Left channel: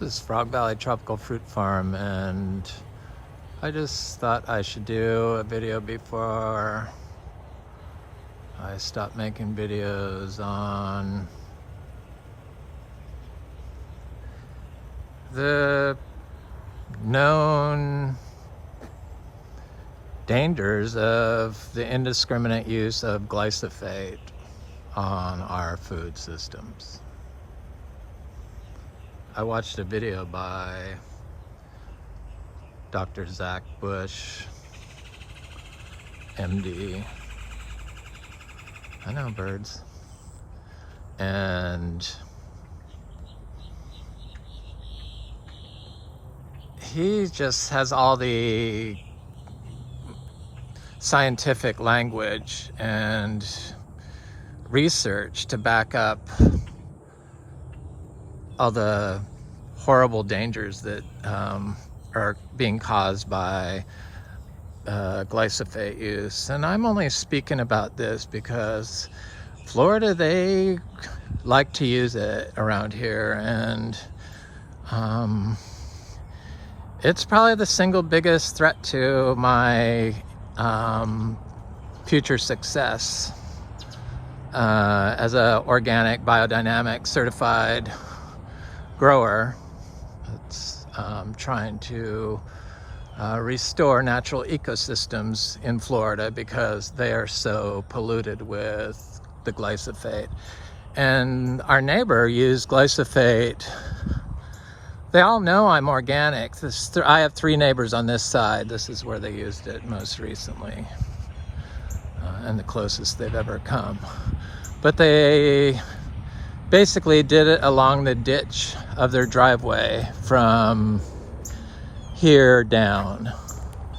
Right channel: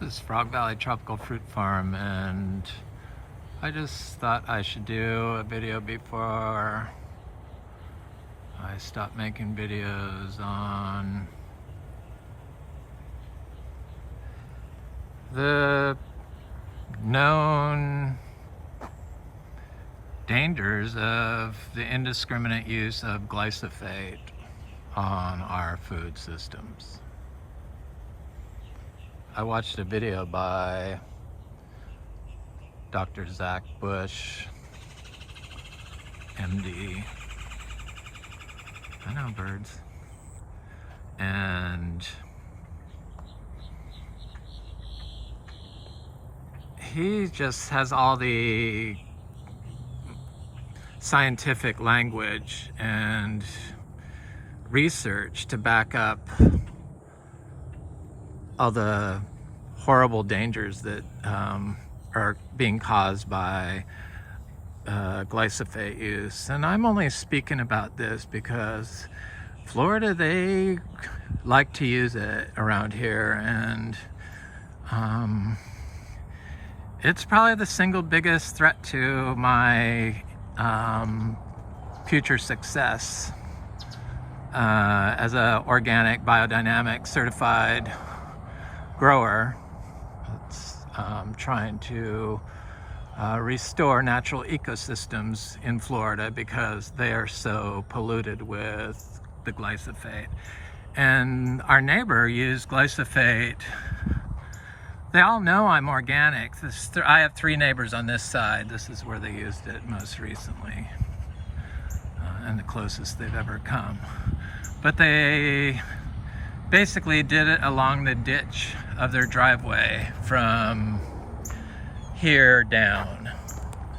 This is Frog Valley Tropical Fruit Farm, and I just thought I should do a video before I stop making videos on the known dangers of the indiscriminate use of glysophate on our food systems. I watched a video by Dr. Zach Bush, MD. I know birds. And he just has all the scientific language and research to back up all the horrible dangers that are being caused by glysophate use. And I'm only speaking about this because Florida, they like to use it around here, and it's probably the single biggest threat to my future success as a organic biodynamic certified grower that's trying to restore natural ecosystems in Florida because they are so polluted with the glysophate. And our neighbor used glysophate. They all know I'm organic. I have 3 neighbors on this side. This is where they used it most recently, and the closest they've ever come. But they basically did it along the ditch of their driveway from here down.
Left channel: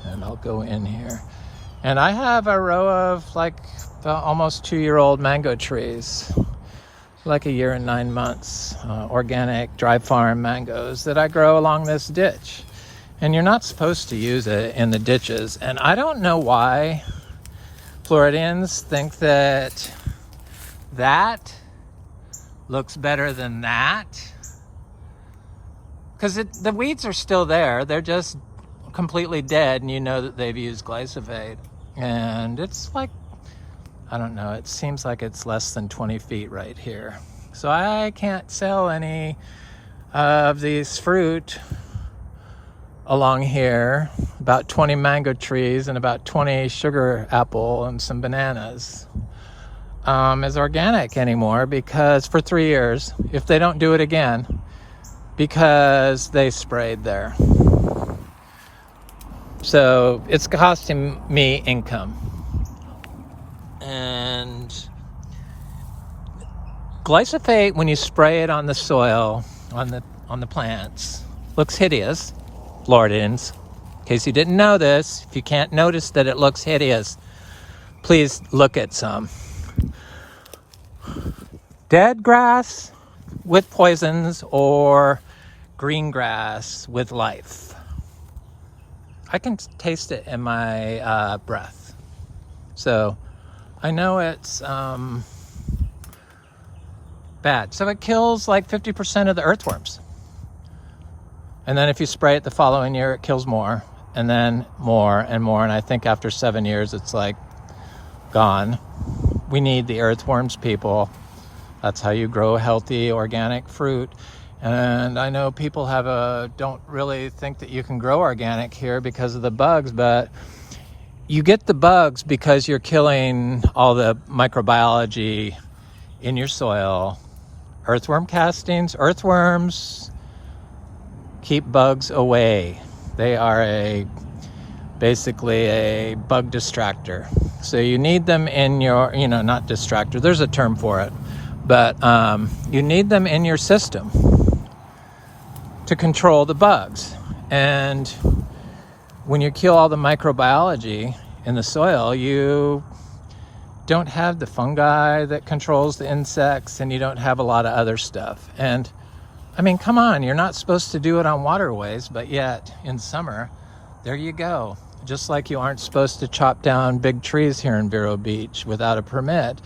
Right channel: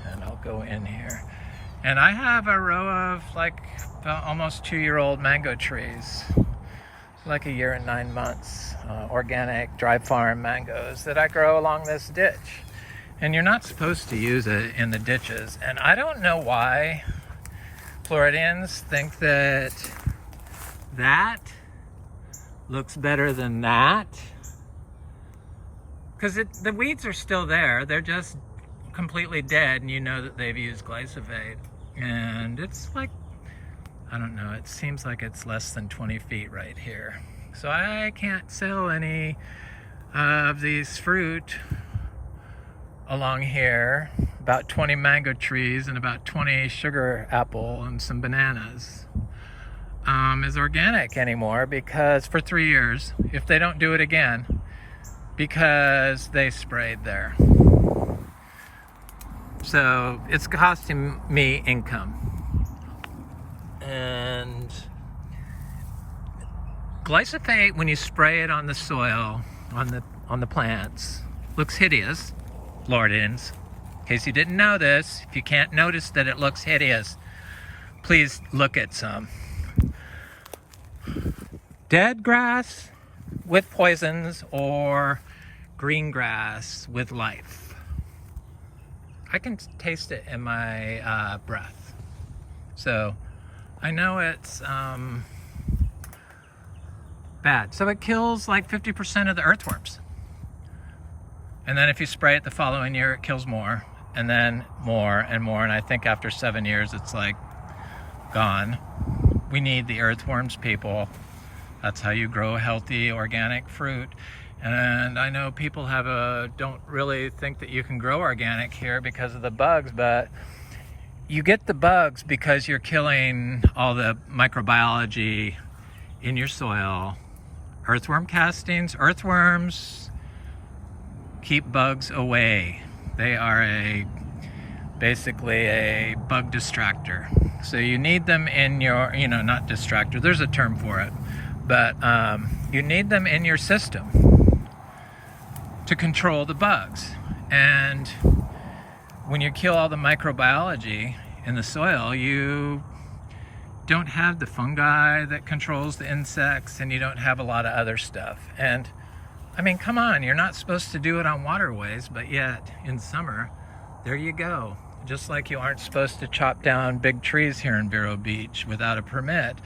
And I'll go in here. And I have a row of like almost 2-year-old mango trees, like a year and 9 months, organic dry farm mangoes that I grow along this ditch. And you're not supposed to use it in the ditches. And I don't know why Floridians think that that looks better than that, because the weeds are still there. They're just completely dead, and you know that they've used glysophate. And it's like, I don't know, it seems like it's less than 20 feet right here. So I can't sell any of these fruit along here. About 20 mango trees and about 20 sugar apple and some bananas as organic anymore, because for 3 years, if they don't do it again, because they sprayed there. So it's costing me income. And glysophate, when you spray it on the soil, on the plants, looks hideous. Floridians, in case you didn't know this, if you can't notice that it looks hideous, please look at some. Dead grass with poisons or green grass with life. I can taste it in my breath. So I know it's bad. So it kills like 50% of the earthworms. And then if you spray it the following year, it kills more, and then more and more. And I think after 7 years, it's like gone. We need the earthworms, people. That's how you grow healthy organic fruit. And I know people don't really think that you can grow organic here because of the bugs, but you get the bugs because you're killing all the microbiology in your soil. Earthworm castings, earthworms keep bugs away. They are basically a bug distractor. So you need them in your, not distractor, there's a term for it, but you need them in your system to control the bugs. And when you kill all the microbiology in the soil, you don't have the fungi that controls the insects, and you don't have a lot of other stuff. And I mean, come on, you're not supposed to do it on waterways, but yet in summer, there you go. Just like you aren't supposed to chop down big trees here in Vero Beach without a permit.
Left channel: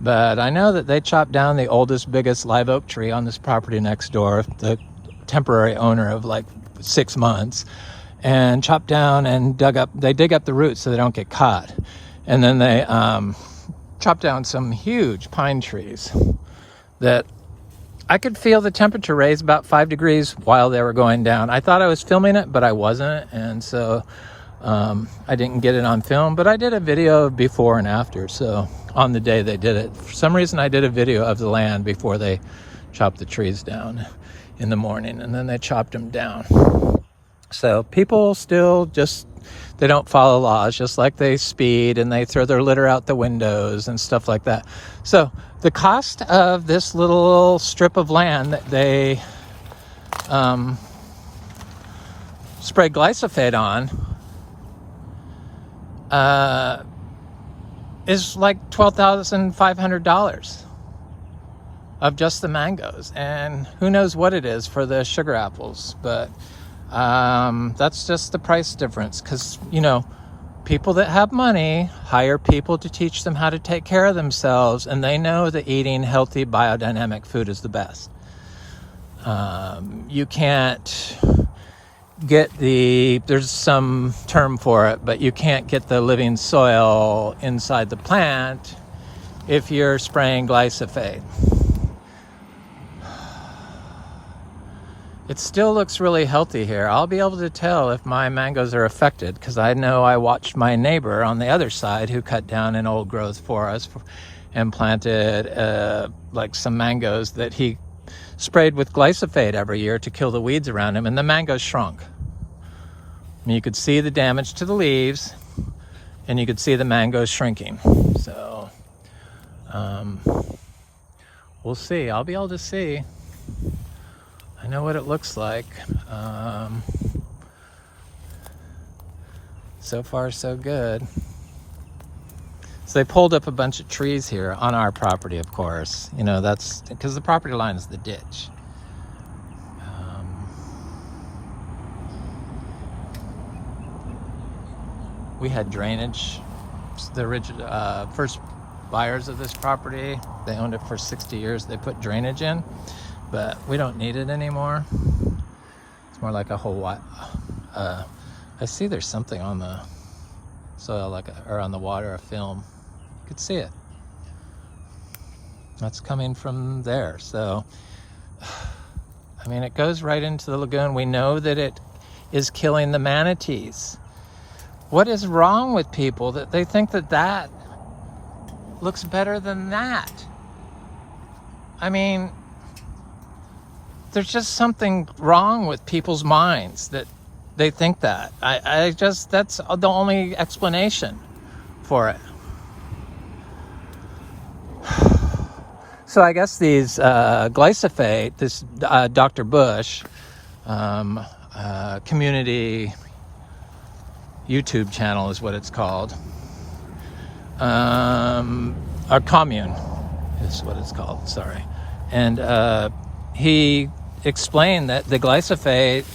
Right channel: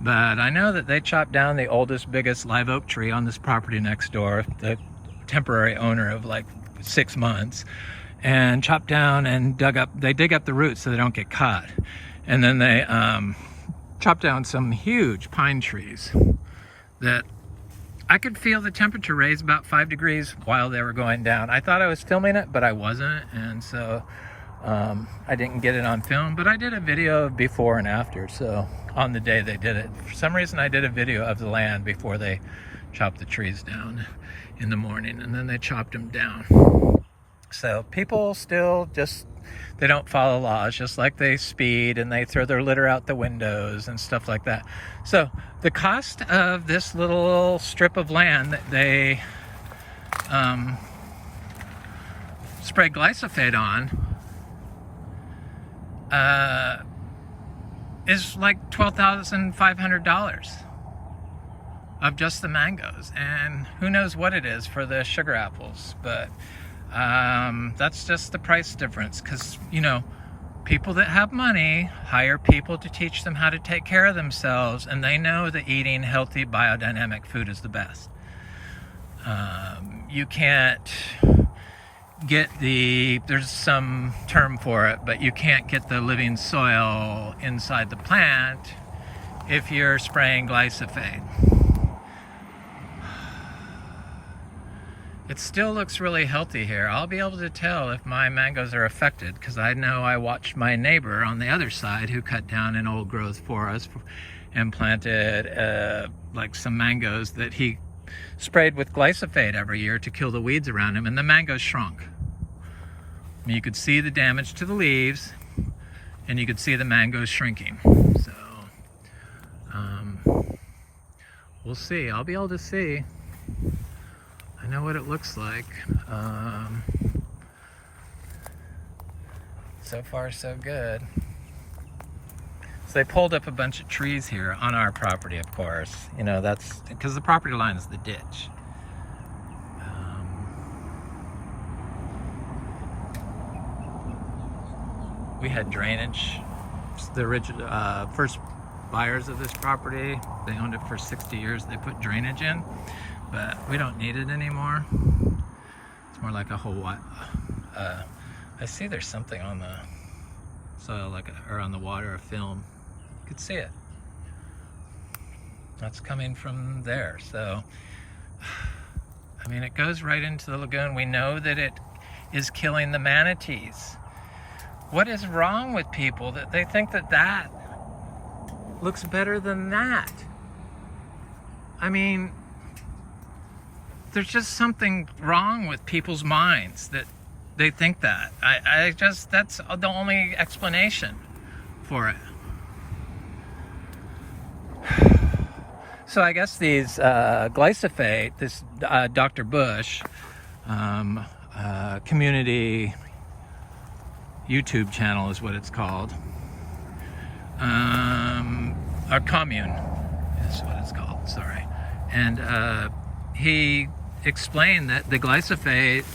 But I know that they chopped down the oldest, biggest live oak tree on this property next door. The temporary owner of like 6 months, and chopped down and they dig up the roots so they don't get caught. And then they chopped down some huge pine trees that I could feel the temperature raise about 5 degrees while they were going down. I thought I was filming it, but I wasn't, and so I didn't get it on film, but I did a video before and after. So on the day they did it, for some reason I did a video of the land before they chopped the trees down in the morning, and then they chopped them down. So people still they don't follow laws, just like they speed and they throw their litter out the windows and stuff like that. So the cost of this little strip of land that they spray glyphosate on is like $12,500 of just the mangoes, and who knows what it is for the sugar apples, but that's just the price difference, because you know, people that have money hire people to teach them how to take care of themselves, and they know that eating healthy biodynamic food is the best. You can't get there's some term for it, but you can't get the living soil inside the plant if you're spraying glyphosate. It still looks really healthy here. I'll be able to tell if my mangoes are affected, because I know I watched my neighbor on the other side who cut down an old growth for us and planted like some mangoes that he sprayed with glyphosate every year to kill the weeds around him, and the mangoes shrunk. And you could see the damage to the leaves, and you could see the mangoes shrinking. So we'll see. I'll be able to see. I know what it looks like. So far, so good. So they pulled up a bunch of trees here on our property, of course. You know, that's because the property line is the ditch. We had drainage. The original first buyers of this property, they owned it for 60 years. They put drainage in, but we don't need it anymore. It's more like a whole I see there's something on the soil, or on the water, a film. You could see it. That's coming from there. So, I mean, it goes right into the lagoon. We know that it is killing the manatees. What is wrong with people that they think that that looks better than that? I mean, there's just something wrong with people's minds that they think that. That's the only explanation for it. So I guess these Glysophate, this Dr. Bush community YouTube channel is what it's called. Our commune is what it's called, sorry. And he explained that the Glysophate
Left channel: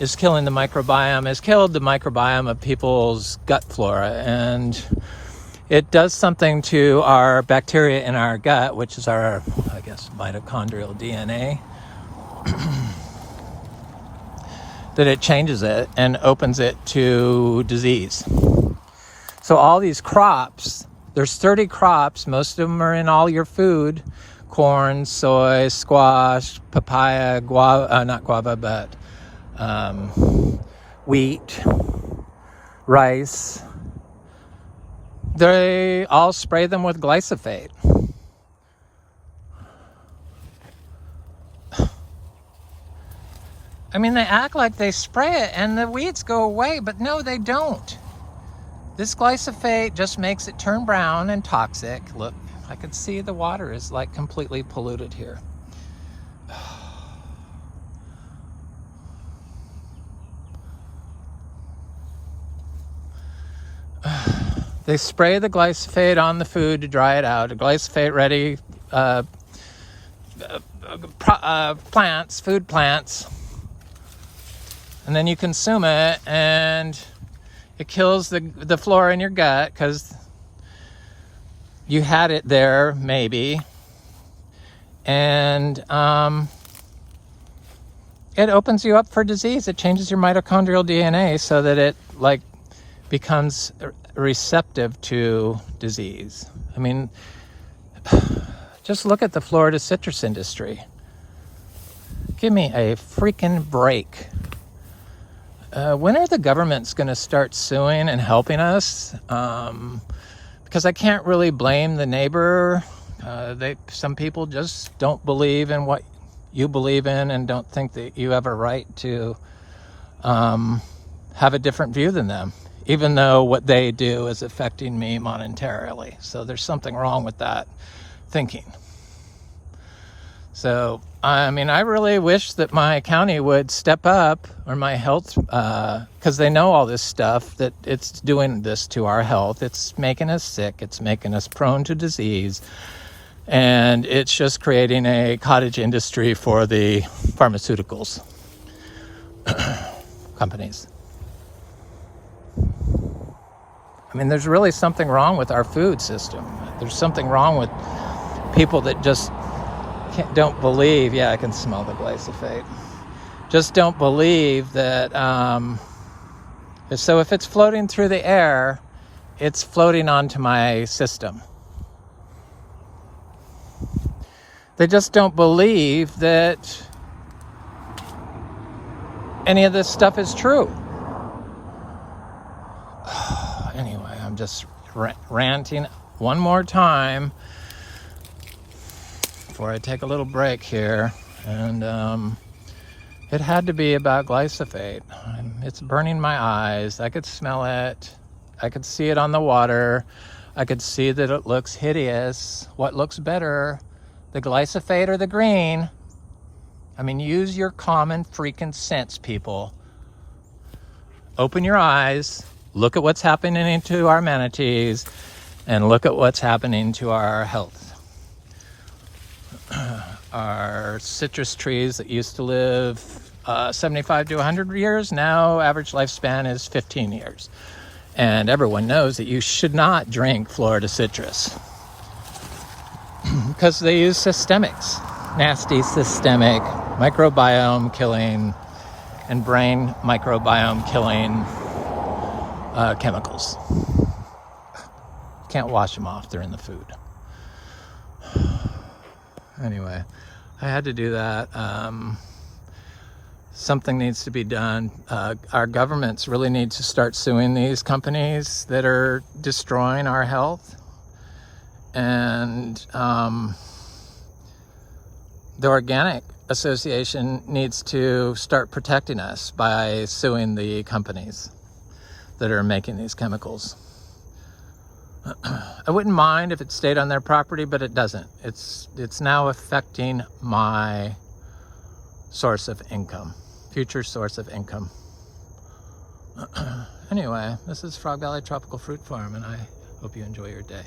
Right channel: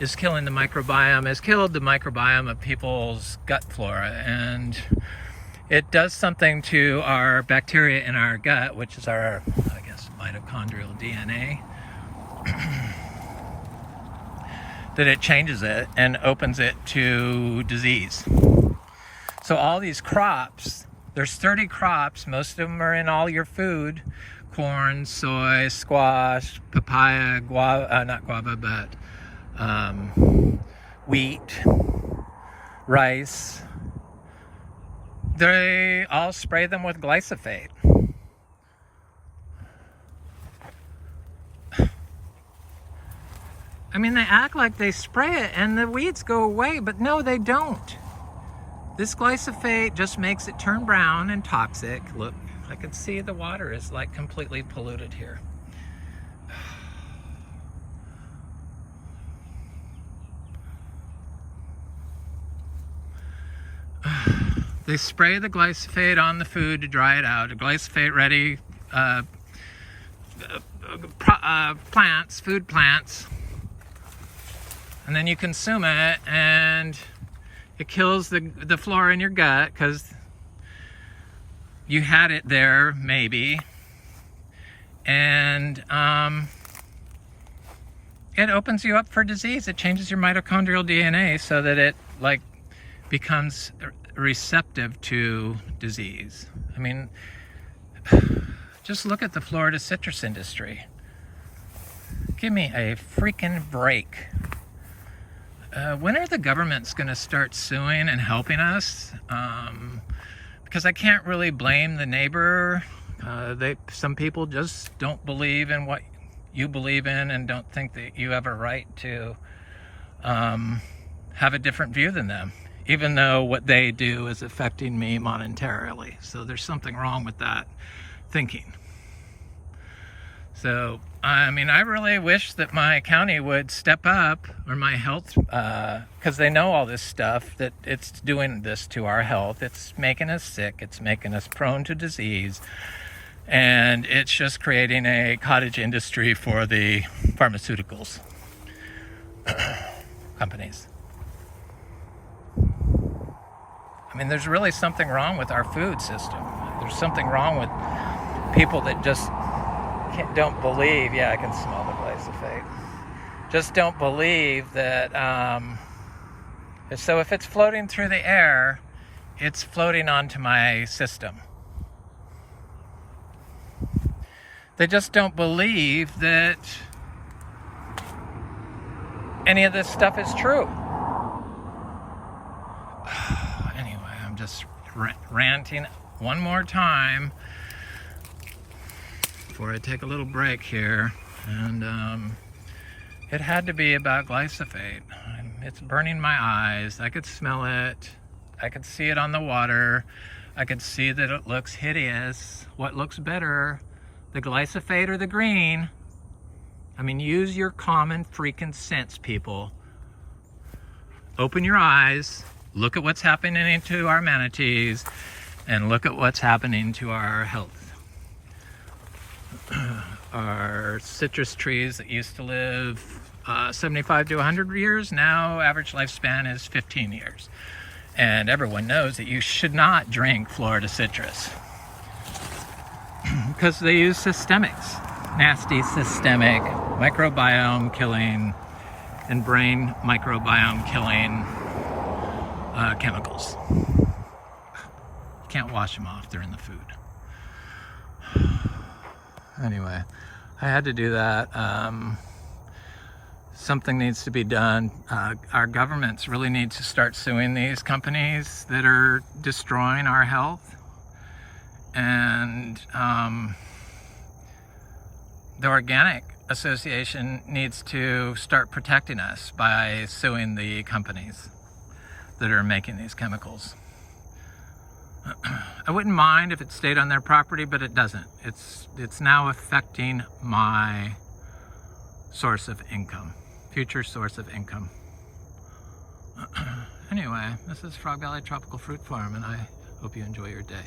is killing the microbiome, has killed the microbiome of people's gut flora, and it does something to our bacteria in our gut, which is our, I guess, mitochondrial DNA, that it changes it and opens it to disease. So all these crops, there's 30 crops, most of them are in all your food: corn, soy, squash, papaya, guava, not guava, but wheat, rice. They all spray them with Glysophate. I mean, they act like they spray it and the weeds go away, but no, they don't. This Glysophate just makes it turn brown and toxic. Look, I can see the water is like completely polluted here. They spray the Glysophate on the food to dry it out. A Glysophate ready plants, food plants. And then you consume it, and it kills the flora in your gut because you had it there, maybe. And it opens you up for disease. It changes your mitochondrial DNA so that it like becomes receptive to disease. I mean, just look at the Florida citrus industry. Give me a freaking break. When are the governments going to start suing and helping us? Because I can't really blame the neighbor. Some people just don't believe in what you believe in and don't think that you have a right to have a different view than them, even though what they do is affecting me monetarily. So there's something wrong with that thinking. So, I mean, I really wish that my county would step up, or my health, because they know all this stuff, that it's doing this to our health. It's making us sick. It's making us prone to disease. And it's just creating a cottage industry for the pharmaceuticals companies. I mean, there's really something wrong with our food system. There's something wrong with people that just don't believe. Yeah, I can smell the glysophate. Just don't believe that. So if it's floating through the air, it's floating onto my system. They just don't believe that any of this stuff is true. Anyway, I'm just ranting one more time before I take a little break here. And it had to be about glysophate. It's burning my eyes. I could smell it. I could see it on the water. I could see that it looks hideous. What looks better, the glysophate or the green? I mean, use your common freaking sense, people. Open your eyes, look at what's happening to our manatees, and look at what's happening to our health. Our citrus trees that used to live 75 to 100 years, now average lifespan is 15 years. And everyone knows that you should not drink Florida citrus because they use systemics, nasty systemic microbiome killing and brain microbiome killing chemicals. Can't wash them off, they're in the food. Anyway, I had to do that. Something needs to be done. Our governments really need to start suing these companies that are destroying our health. And the Organic Association needs to start protecting us by suing the companies that are making these chemicals. I wouldn't mind if it stayed on their property, but it doesn't. It's now affecting my source of income, future source of income. Anyway, this is Frog Valley Tropical Fruit Farm, and I hope you enjoy your day.